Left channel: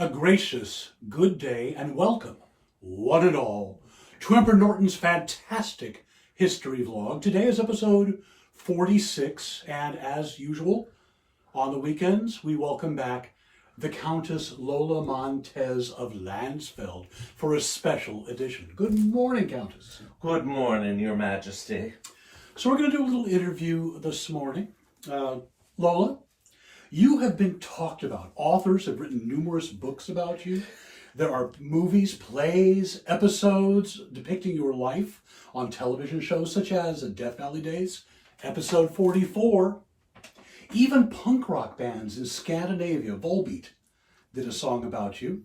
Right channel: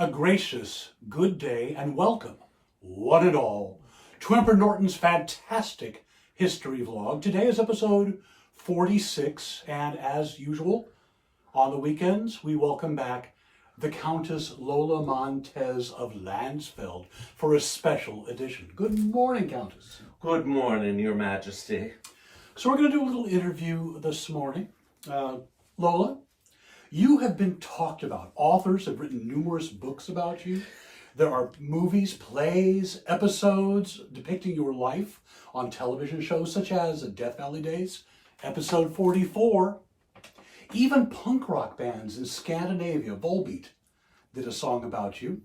A gracious good day and welcome, one and all, to Emperor Norton's fantastic history vlog. Today is episode 46, and as usual, on the weekends, we welcome back the Countess Lola Montez of Landsfeld for a special edition. Good morning, Countess. Good morning, Your Majesty. So we're going to do a little interview this morning. Lola, you have been talked about. Authors have written numerous books about you. There are movies, plays, episodes depicting your life on television shows such as Death Valley Days, episode 44. Even punk rock bands in Scandinavia, Volbeat, did a song about you.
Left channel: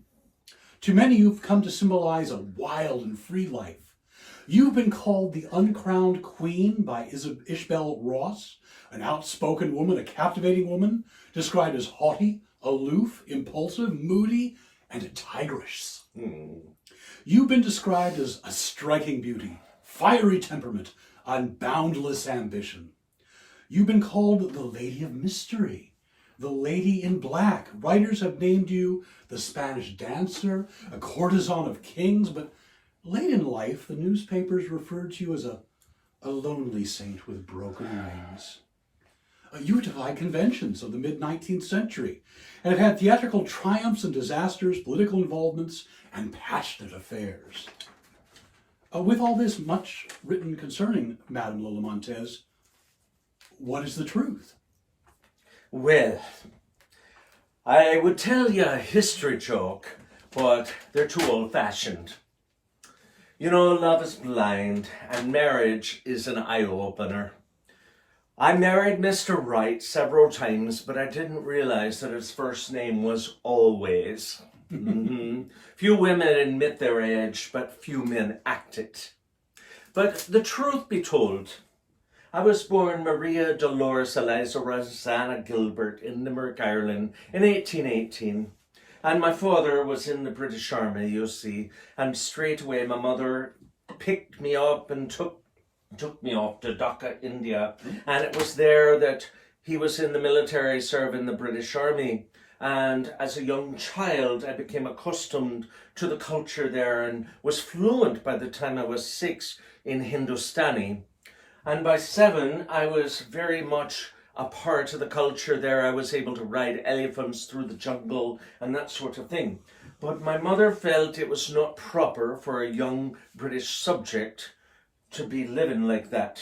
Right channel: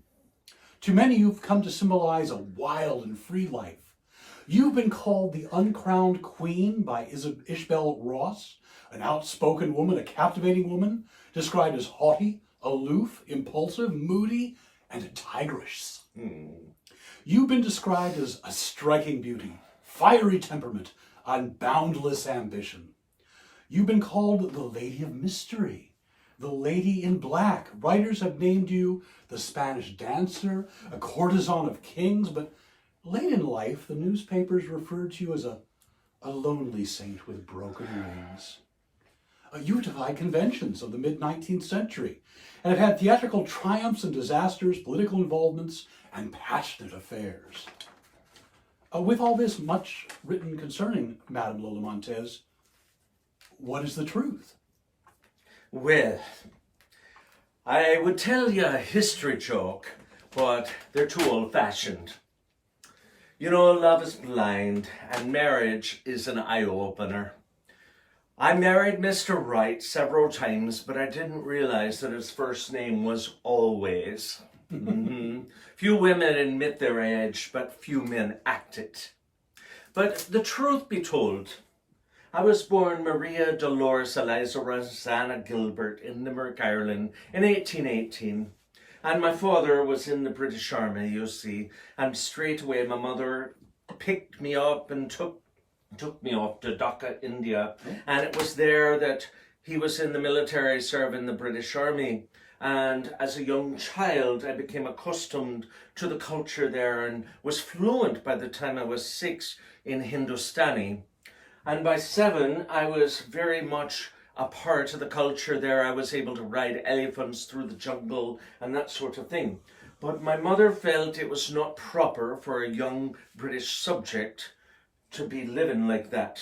To many, you've come to symbolize a wild and free life. You've been called the uncrowned queen by Isabel Ross, an outspoken woman, a captivating woman, described as haughty, aloof, impulsive, moody, and a tigress. You've been described as a striking beauty, fiery temperament, and boundless ambition. You've been called the Lady of Mystery, the Lady in Black. Writers have named you the Spanish dancer, a courtesan of kings, but late in life, the newspapers referred to you as a lonely saint with broken wings. You defied conventions of the mid-19th century and have had theatrical triumphs and disasters, political involvements, and passionate affairs. With all this much written concerning Madame Lola Montez, what is the truth? Well, I would tell you a history joke, but they're too old-fashioned. You know, love is blind, and marriage is an eye-opener. I married Mr. Right several times, but I didn't realize that his first name was Always. Few women admit their age, but few men act it. But the truth be told, I was born Maria Dolores Eliza Rosanna Gilbert in Limerick, Ireland in 1818. And my father was in the British Army, you see, and straight away my mother picked me up and took me off to Dhaka, India. And it was there that he was in the military serving the British Army. And as a young child, I became accustomed to the culture there and was fluent by the time I was 6 in Hindustani. And by 7, I was very much a part of the culture there. I was able to ride elephants through the jungle and that sort of thing. But my mother felt it was not proper for a young British subject to be living like that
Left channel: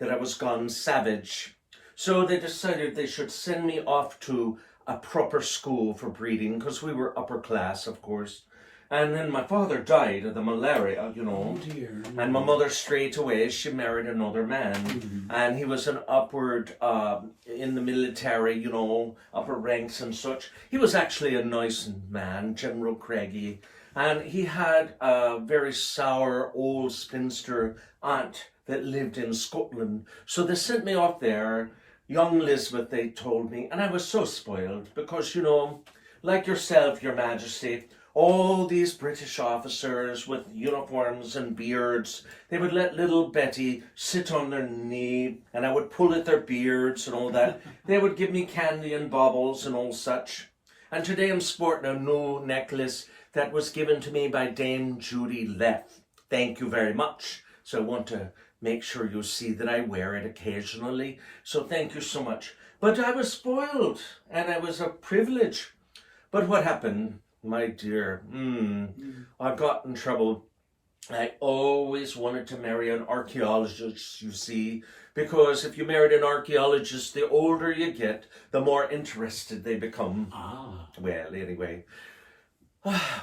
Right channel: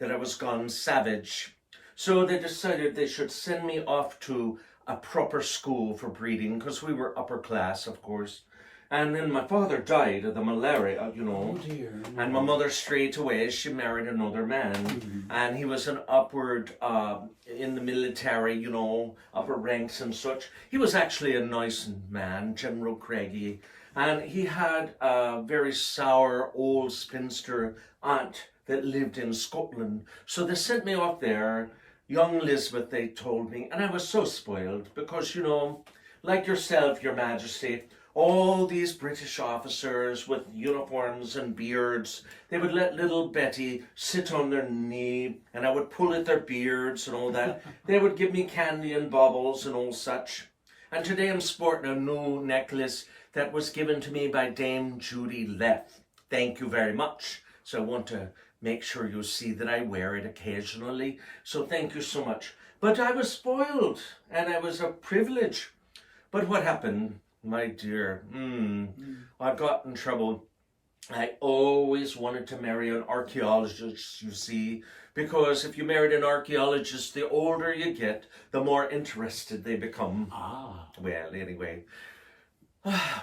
I was gone savage. So they decided they should send me off to a proper school for breeding, because we were upper class, of course. And then my father died of the malaria, you know. Oh dear. And my mother straight away, she married another man. And he was an upward, in the military, you know, upper ranks and such. He was actually a nice man, General Craigie. And he had a very sour old spinster aunt that lived in Scotland. So they sent me off there, young Elizabeth, they told me. And I was so spoiled because, you know, like yourself, Your Majesty, all these British officers with uniforms and beards, they would let little Betty sit on their knee and I would pull at their beards and all that. They would give me candy and baubles and all such. And today I'm sporting a new necklace that was given to me by Dame Judy Leff. Thank you very much. So I want to make sure you see that I wear it occasionally. So thank you so much. But I was spoiled and I was a privilege. But what happened? My dear, I got in trouble. I always wanted to marry an archaeologist, you see, because if you married an archaeologist, the older you get, the more interested they become. Well, anyway.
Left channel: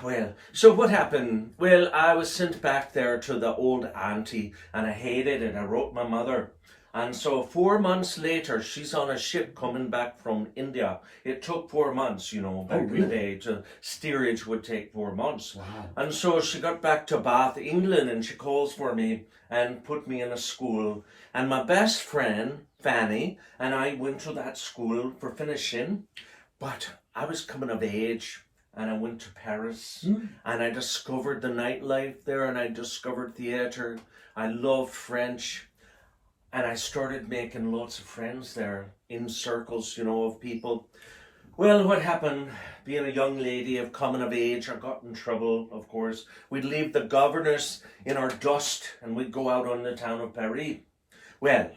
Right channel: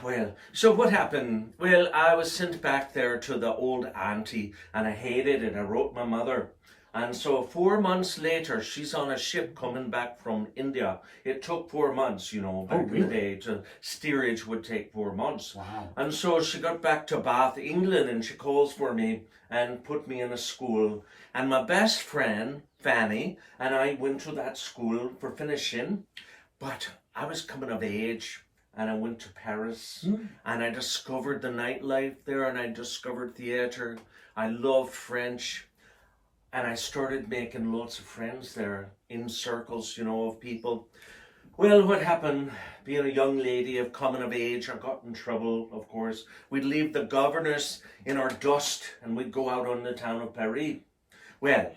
Well, so what happened? Well, I was sent back there to the old auntie, and I hated it. I wrote my mother. And so 4 months later, she's on a ship coming back from India. It took 4 months, you know, back in the day. Steerage would take 4 months. Wow. And so she got back to Bath, England, and she calls for me and put me in a school. And my best friend, Fanny, and I went to that school for finishing. But I was coming of age. And I went to Paris and I discovered the nightlife there and I discovered theatre. I loved French. And I started making lots of friends there in circles, you know, of people. Well, what happened, being a young lady of coming of age, I got in trouble, of course. We'd leave the governors in our dust and we'd go out on the town of Paris. Well,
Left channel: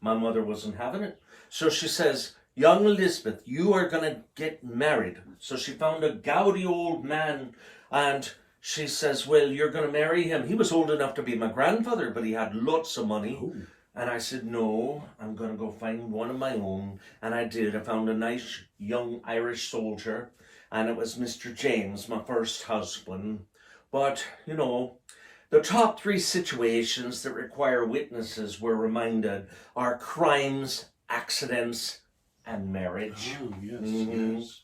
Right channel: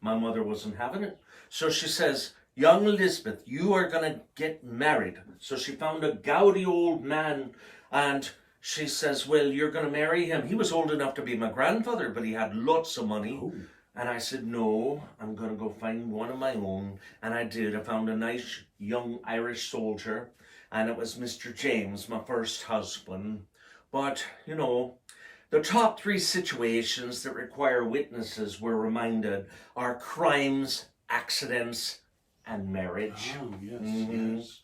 my mother wasn't having it. So she says, young Elizabeth, you are going to get married. So she found a gouty old man and she says, well, you're going to marry him. He was old enough to be my grandfather, but he had lots of money. Ooh. And I said, no, I'm going to go find one of my own. And I did. I found a nice young Irish soldier. And it was Mr. James, my first husband. But, you know, the top 3 situations that require witnesses, we're reminded, are crimes, accidents, and marriage. Oh, yes, yes.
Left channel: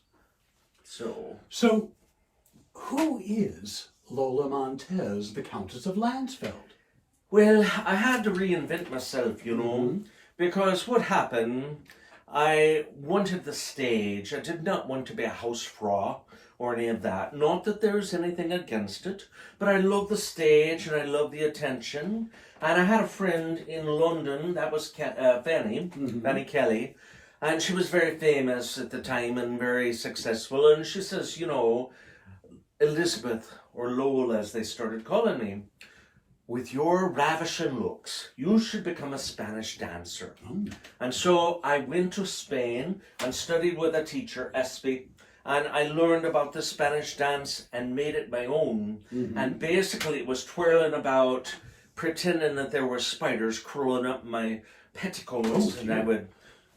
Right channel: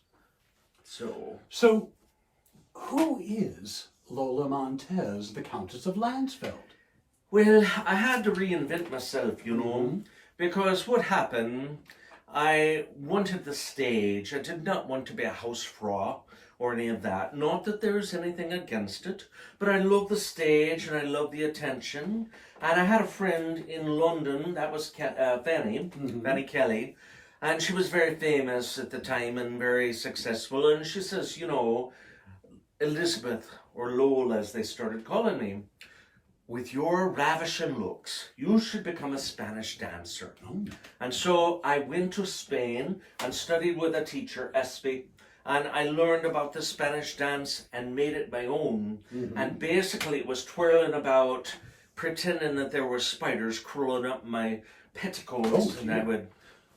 So, who is Lola Montez, the Countess of Landsfeld? well, I had to reinvent myself, you know, because what happened, I wanted the stage. I did not want to be a housefrau or any of that. Not that there's anything against it, but I love the stage and I love the attention. And I had a friend in London, that was Fanny Kelly, and she was very famous at the time and very successful. And she says, you know, Elizabeth, or Lola as they started calling me, with your ravishing looks, you should become a Spanish dancer. Oh. And so I went to Spain and studied with a teacher, Espy, and I learned about the Spanish dance and made it my own. And basically it was twirling about, pretending that there were spiders crawling up my petticoats, and I would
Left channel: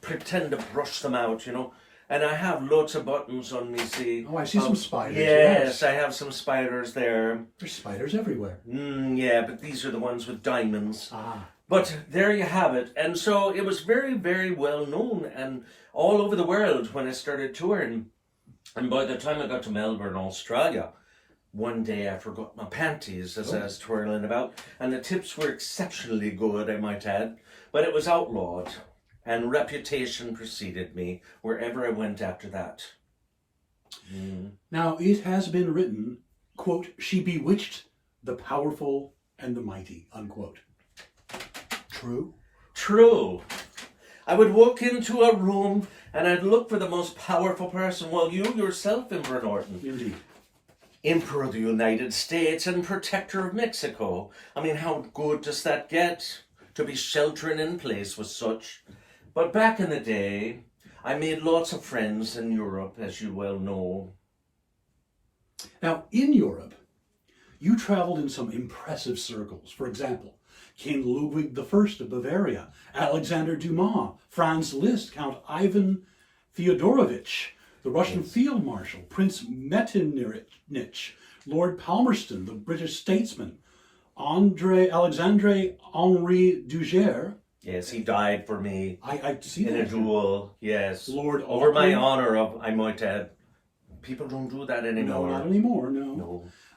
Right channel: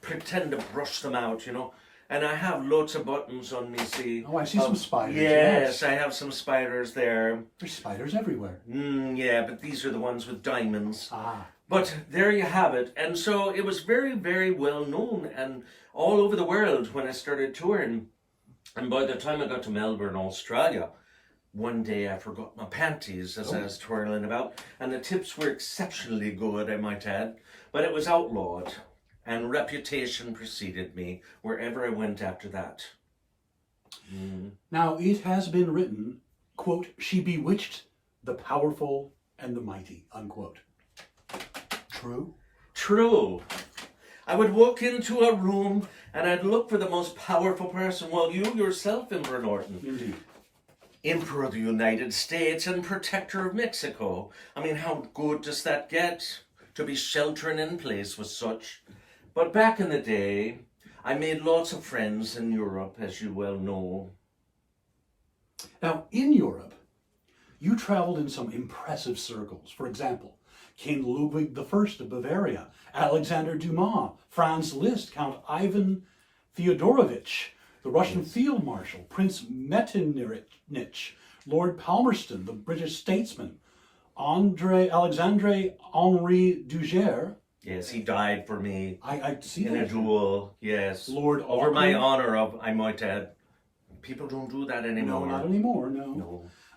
pretend to brush them out, you know. And I have lots of buttons on me, see. Oh, I see some spiders. Yes, I have some spiders there. There's spiders everywhere. Yeah, but these are the ones with diamonds. Ah. But there you have it. And so it was very, very well known and all over the world when I started touring. And by the time I got to Melbourne, Australia, one day I forgot my panties as I was twirling about. And the tips were exceptionally good, I might add. But it was outlawed. And reputation preceded me wherever I went after that. Now, it has been written, quote, she bewitched the powerful and the mighty, unquote. True? True. I would walk into a room and I'd look for the most powerful person. Well, you yourself, Emperor Norton. Indeed. Emperor of the United States and Protector of Mexico. I mean, how good does that get? To be sheltering in place with such. But back in the day, I made lots of friends in Europe, as you well know. Now, in Europe, you traveled in some impressive circles. For example, King Ludwig the First of Bavaria, Alexander Dumas, Franz Liszt, Count Ivan Theodorovich, the Russian Field Marshal, Prince Metternich, Lord Palmerston, the British statesman, Alexandre Henri Duguerre. Yes, he died for me I see in that. a duel, yes. Lord Over my Auckland. honor, of, I might add. People don't do that No, anymore. not anymore, no.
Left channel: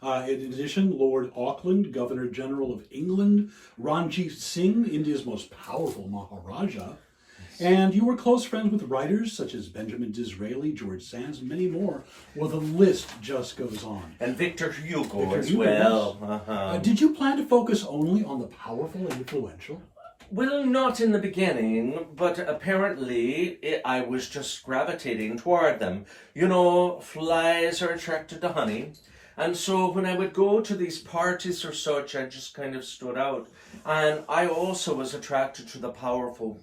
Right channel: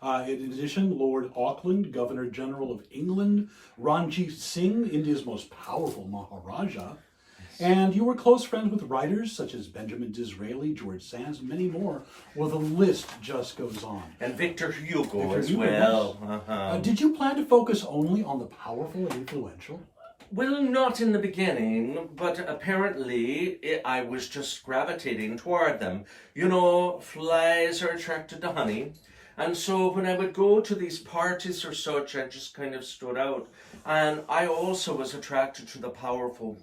No. In addition, Lord Auckland, Governor General of England, Ranjit Singh, India's most powerful Maharaja. And you were close friends with writers such as Benjamin Disraeli, George Sand, and many more. Well, the list just goes on. And Victor Hugo Victor as Hugo, well. Did you plan to focus only on the powerful and influential? Well, not in the beginning, but apparently I was just gravitating toward them. You know, flies are attracted to honey. And so when I would go to these parties or such, I just kind of stood out. And I also was attracted to the powerful,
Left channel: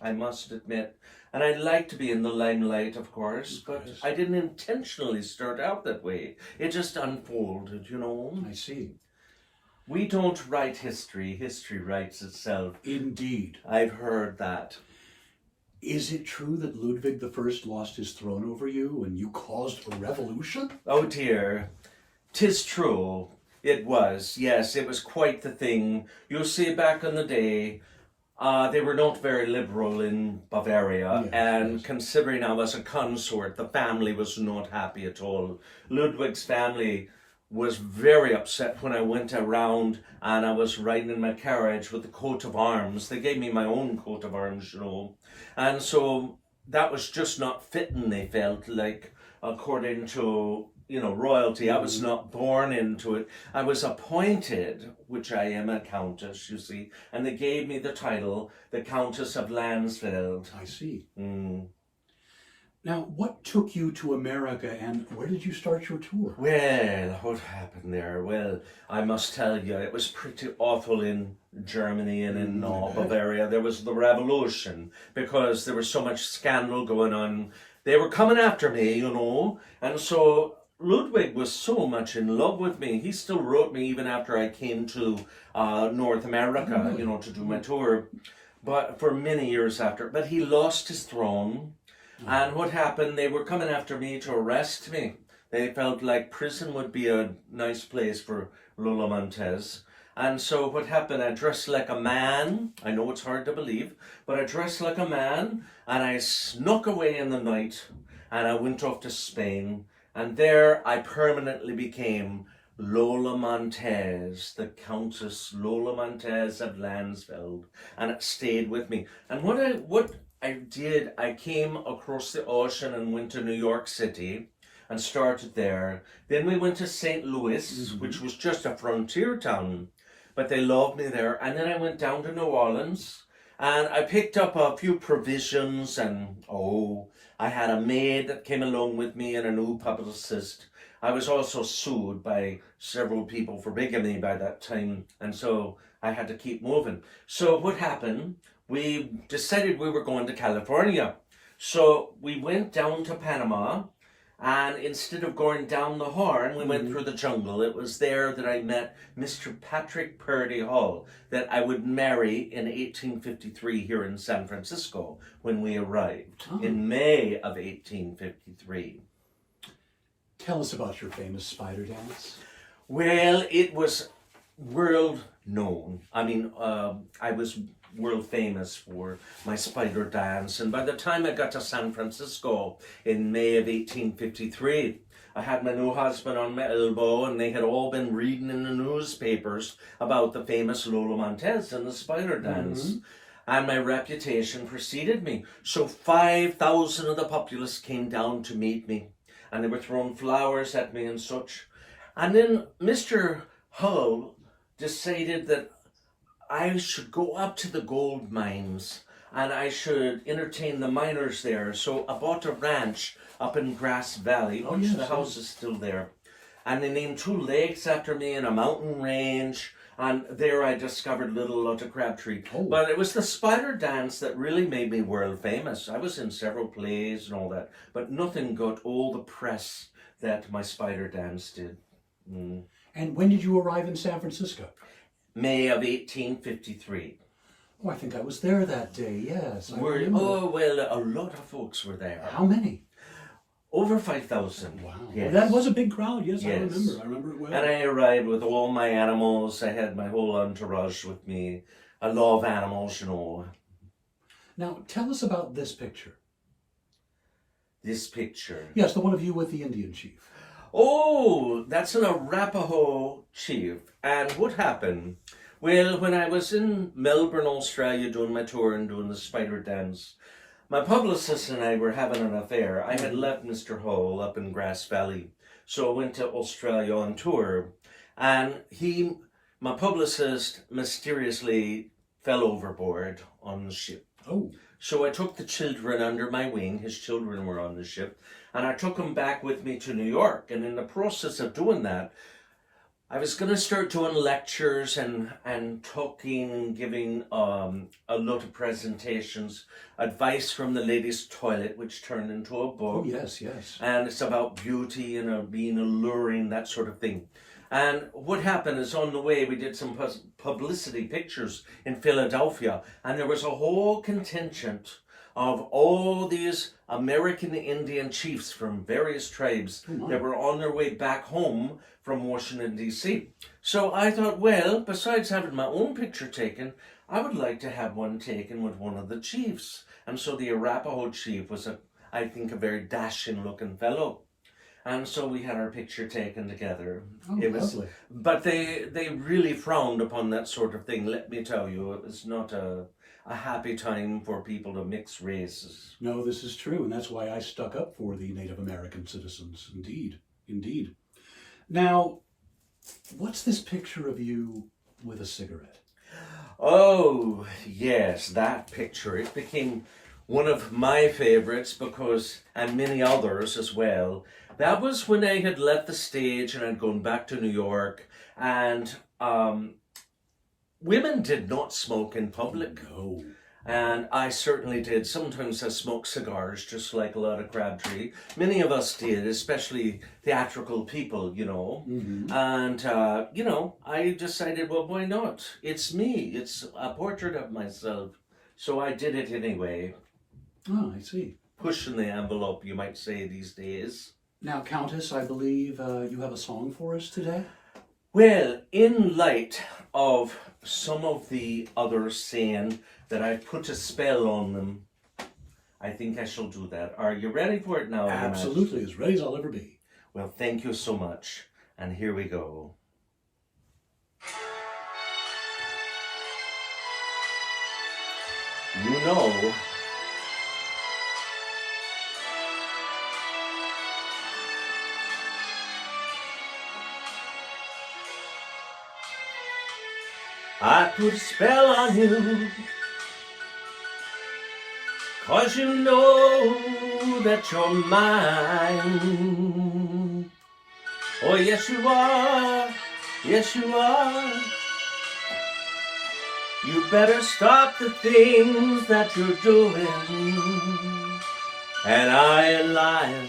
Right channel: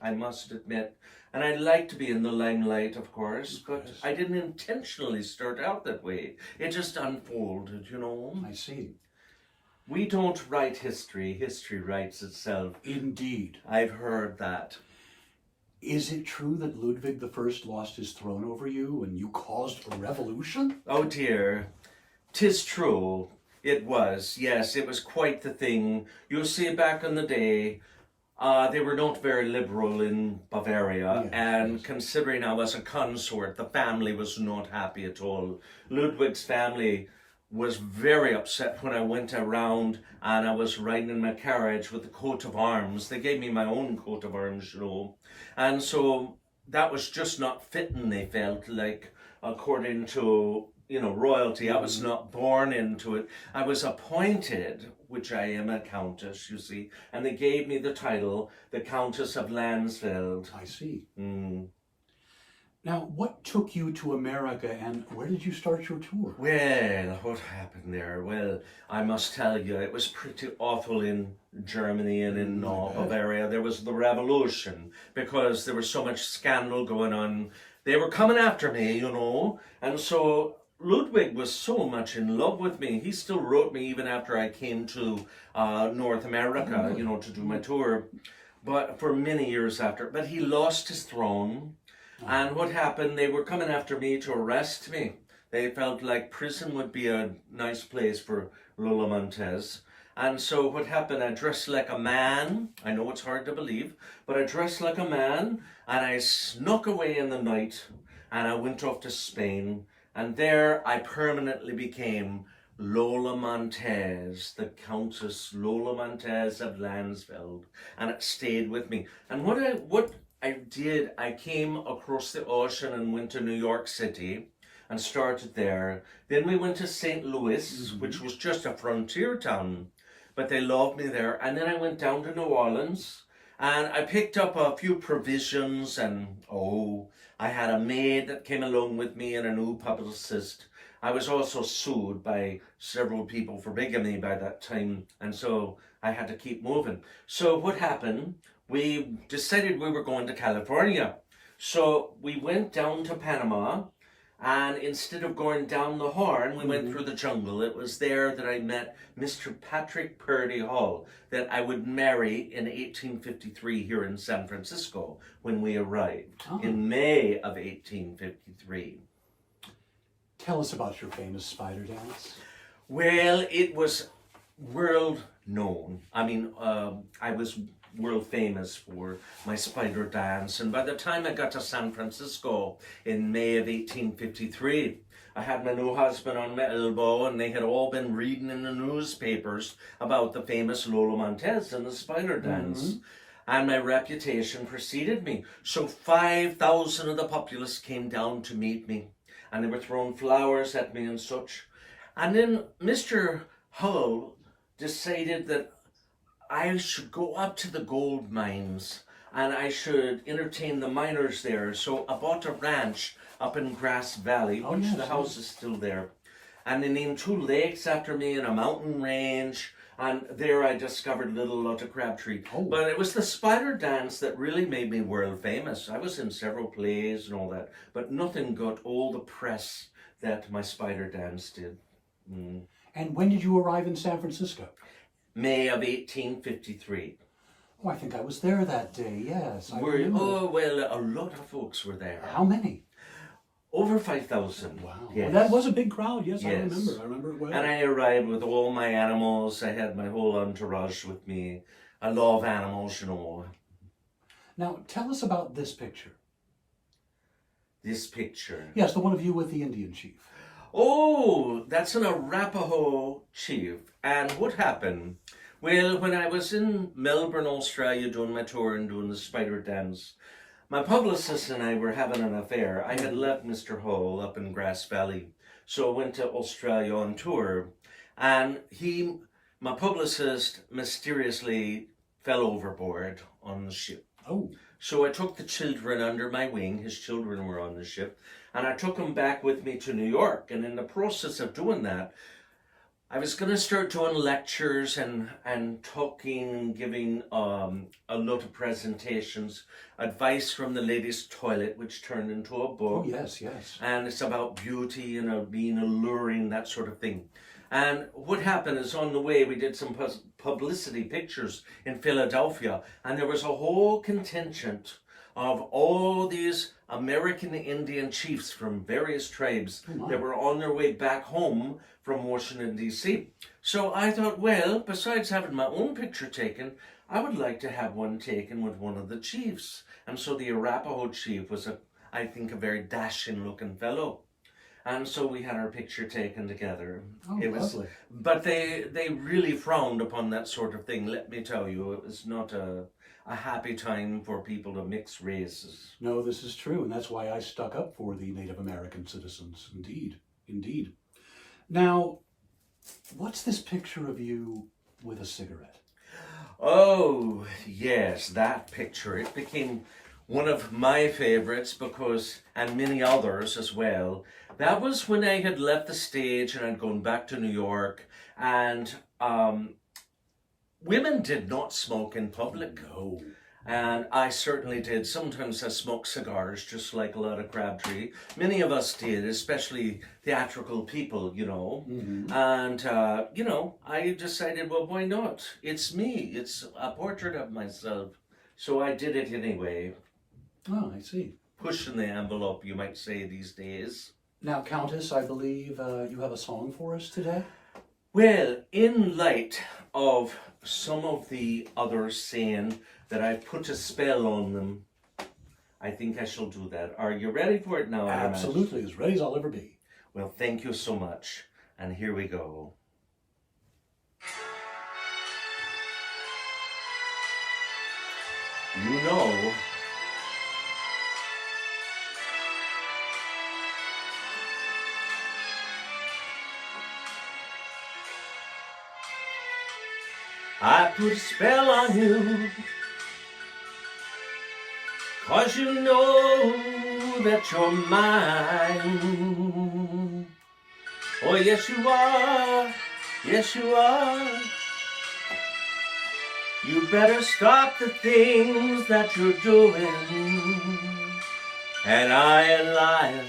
I must admit. And I'd like to be in the limelight, of course, but I didn't intentionally start out that way. It just unfolded, you know. I see. We don't write history. History writes itself. Indeed. I've heard that. Is it true that Ludwig the First lost his throne over you and you caused a revolution? Oh dear. 'Tis true. It was. Yes, it was quite the thing. You'll see back in the day, they were not very liberal in Bavaria, Yes, and yes. considering I was a consort, the family was not happy at all. Ludwig's family was very upset when I went around and I was riding in my carriage with the coat of arms. They gave me my own coat of arms, you know. And so that was just not fitting, they felt like, according to, you know, royalty. I was not born into it. I was appointed, which I am a countess, you see, and they gave me the title, the Countess of Landsfeld. I see. Now, what took you to America and where did you start your tour? Well, what happened there? Well, I must tell you, it was pretty awful in Germany and in Bavaria. There was the revolution because there was so much scandal going on. They were coming after me, and so Ludwig was so much in love with me. He still wrote me even after I came to North America, to do my tour, but for many years after. But he lost his throne. And what happened, they were coming after me to arrest me. They felt like prison would be a nice place for Lola Montez. And so what happened, I dressed like a man. I know it's hard to believe, but I dressed like a man and I snuck away in the night and I went off to Spain. And there I permanently became Lola Montez, the Countess Lola Montez of Landsfeld. And it stayed with me. And what I did, I came across the ocean and went to New York City and started there. Then we went to St. Louis, which was just a frontier town, but they loved me there. And then I went down to New Orleans and I picked up a few provisions and, I had a maid that came along with me and a new publicist. I was also sued by several people for bigamy by that time, and so I had to keep moving. So what happened? We decided we were going to California. So we went down to Panama, and instead of going down the Horn, we went through the jungle. It was there that I met Mr. Patrick Purdy Hall, that I would marry in 1853 here in San Francisco when we arrived in May of 1853. Tell us about your famous spider dance. Well, it was world known. I mean, I was world famous for my spider dance, and by the time I got to San Francisco in May of 1853, I had my new husband on my elbow and they had all been reading in the newspapers about the famous Lola Montez and the spider dance, and my reputation preceded me. So 5,000 of the populace came down to meet me and they were throwing flowers at me and such. And then Mr. Hull decided that I should go up to the gold mines and I should entertain the miners there. So I bought a ranch up in Grass Valley, which the house is still there. And they named 2 lakes after me and a mountain range. And there I discovered Little Lotta Crabtree. But it was the spider dance that really made me world famous. I was in several plays and all that, but nothing got all the press that my spider dance did. And when did you arrive in San Francisco? May of 1853. Oh, I think I was there that day, yes. Well, a lot of folks were there. How many? Over 5,000. Wow. Yes. Well, that was a big crowd, yes. I remember it well. And I arrived with all my animals. I had my whole entourage with me. I love animals, Now, tell us about this picture. This picture? Yes, the one of you with the Indian chief. Oh, that's an Arapaho chief. And what happened? Well, when I was in Melbourne, Australia, doing my tour and doing the spider dance, my publicist and I were having an affair. I had left Mr. Hall up in Grass Valley, so I went to Australia on tour, and my publicist, mysteriously fell overboard on the ship. Oh. So I took the children under my wing. His children were on the ship, and I took them back with me to New York. And in the process of doing that, I was going to start doing lectures and talking, giving a lot of presentations, advice from the ladies' toilet, which turned into a book. Oh, yes. And it's about beauty and being alluring, that sort of thing. And what happened is on the way, we did some publicity pictures in Philadelphia, and there was a whole contingent of all these American Indian chiefs from various tribes that were on their way back home from Washington, D.C. So I thought, well, besides having my own picture taken, I would like to have one taken with one of the chiefs. And so the Arapaho chief was, I think, a very dashing-looking fellow. And so we had our picture taken together. Oh, lovely. But they really frowned upon that sort of thing, let me tell you. It was not a happy time for people to mix races. No, this is true, and that's why I stuck up for the Native American citizens. Indeed. Now, what's this picture of you with a cigarette? Oh, yes, that picture. It became one of my favorites and many others as well. That was when I had left the stage and I'd gone back to New York, and women did not smoke in public. No. And I certainly did. Sometimes I smoked cigars, just like a lot of Crabtree. Many of us did, especially theatrical people, you know. Mm-hmm. And, you know, I decided, well, why not? It's me. It's a portrait of myself. So I did it anyway. Oh, I see. Pushing the envelope, you might say, these days. Now, Countess, I believe you have a song for us today? Well, in light of some of the others saying that I put a spell on them, I think I shall do that. Are you ready for it now? Absolutely, as ready as I'll ever be. Well, thank you so much. And here we go. You know, I put a spell on you, 'cause you know that you're mine. Oh, yes you are, yes you are. You better stop the things that you're doing, and I ain't lying.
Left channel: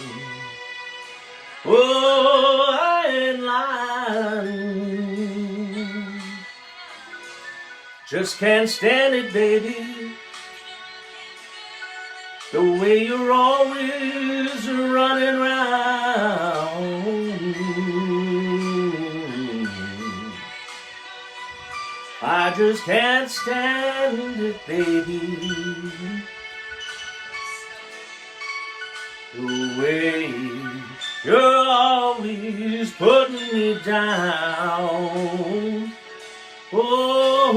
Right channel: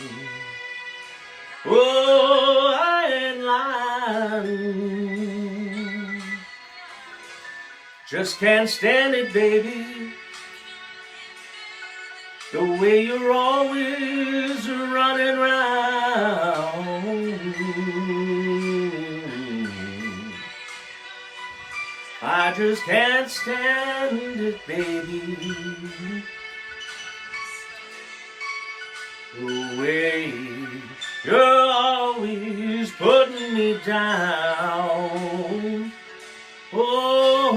Oh, I ain't lying. Just can't stand it, baby, the way you're always running round. I just can't stand it, baby, the way you're always putting me down. Oh,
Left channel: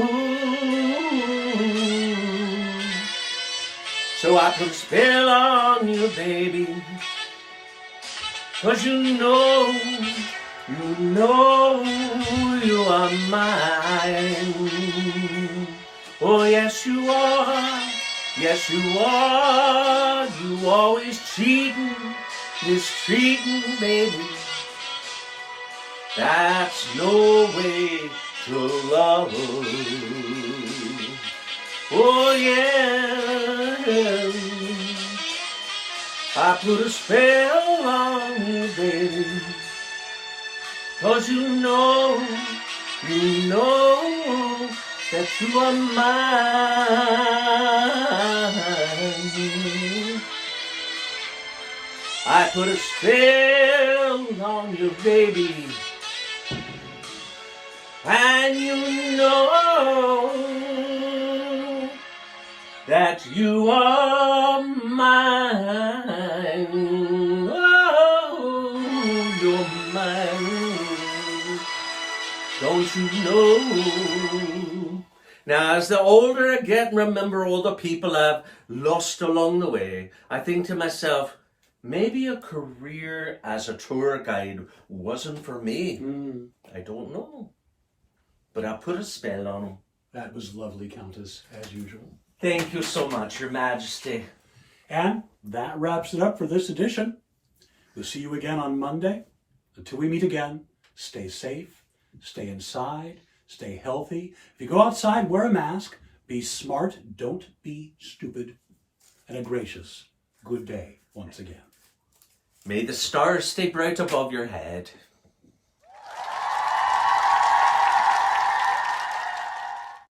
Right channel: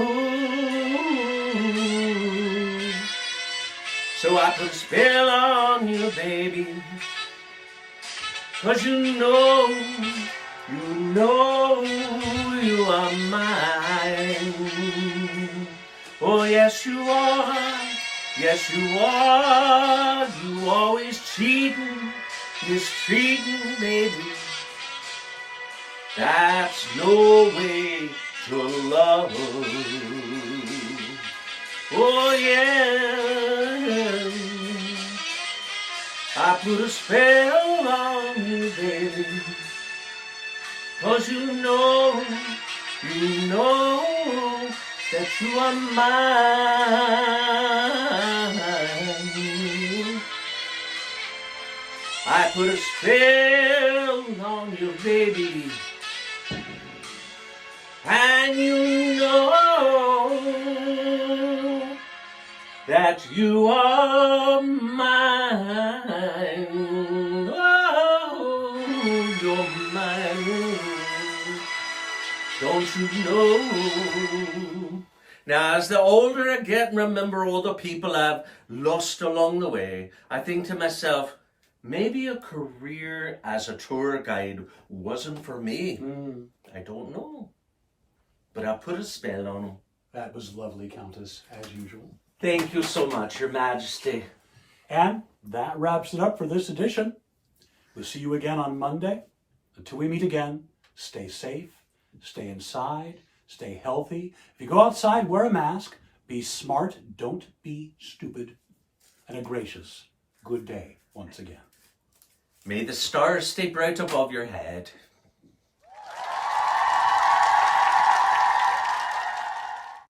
so I put a spell on you, baby, 'cause you know you are mine. Oh, yes you are, yes you are. You always cheating, mistreating, baby. That's no way to love. Oh yeah, I put a spell on you, baby, 'cause you know that you are mine. I put a spell on you, baby, and you know that you are mine. Oh, you're mine. Don't you know? Now, as the older I get and remember all the people I've lost along the way, I think to myself, maybe a career as a tour guide wasn't for me. I don't know. But I put a spell on him. That was lovely, Countess, as usual. Thank you so much, Your Majesty. And that wraps it up for this edition. We'll see you again on Monday. Until we meet again, stay safe, stay inside, stay healthy. If you go outside, wear a mask. Be smart, don't be stupid. And a gracious good day once again. May the stars stay bright above your head.